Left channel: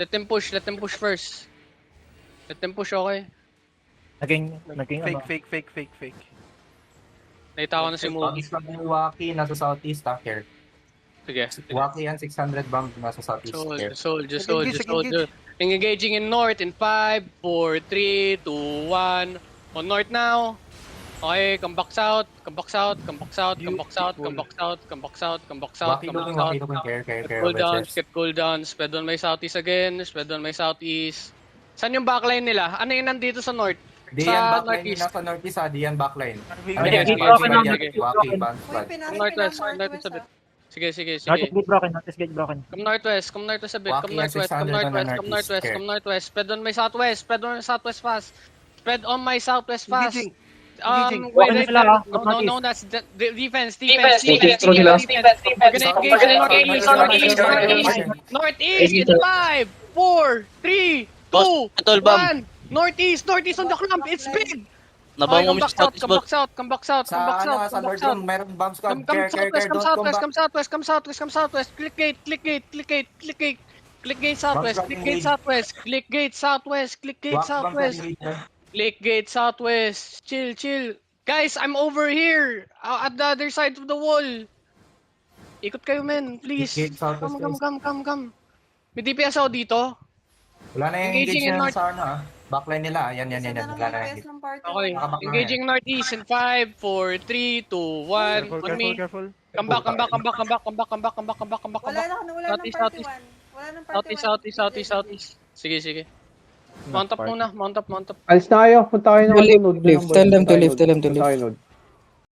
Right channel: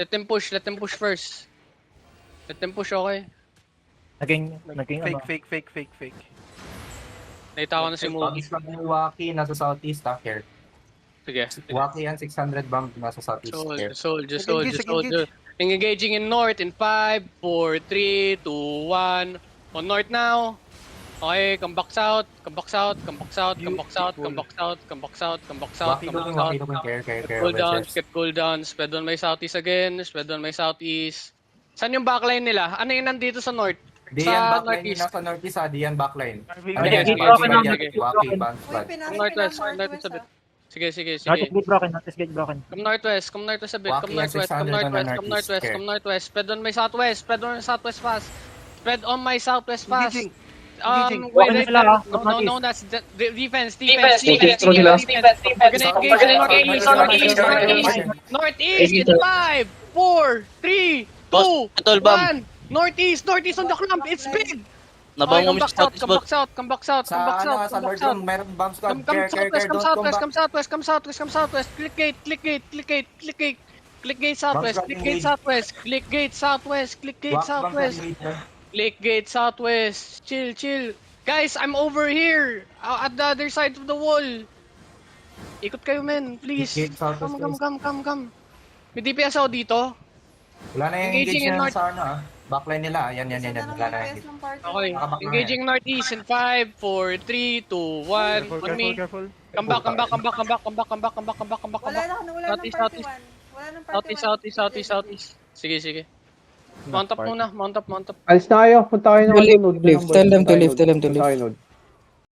Let them push first. Let them push, okay? Naging Fake. Nakita ko na si Mogi. Pag ni Waki, nasa southeast, tanker. Sige. Waki yan, 600 bomb, nasa southeast. Soldier. Engaging in north in 5, 4, 3, 2, 1. On north now. Okay, come back south. Waki looking, care. Keep cool down. Spread on my southeast again. Saan yung backline nila? Ano yung nandito sa north? Diyan Sa backline northeast. nila sa northeast, Diyan backline. Sige. Waki, bounce flag. Come northwest a bit. Sige. Northeast gate broken, northeast gate broken. Come northwest a bit. Walking at 600 on the northeast. Come northwest. Spread on my southwest fast. Engaging. Wait. No, that's defense. Northeast in 5, 4, 3, 2, 1. Northeast on the clump. It's big. Nabang mo sa Come back south. Sa north yung mayroon bomb squad. Care, don't come back. Come southwest. Click gate southwest. Click gate southwest. Chill. Guys, I'm over here. At the other side of the wall. Ikot kayo, men. Please. Gate southwest, Come. May DPS ako dito. Wala na yung engaging sa ano, backline nila. Yan. Wala na yung Okay. Engaging northeast in 5, 4, 3, 2, 1. Put me. Come back. Wala nang Southeast. Sige. Mount up muna. Alis na kayo, punta kayo ng sunod. Tell them to leave. Punta kayo.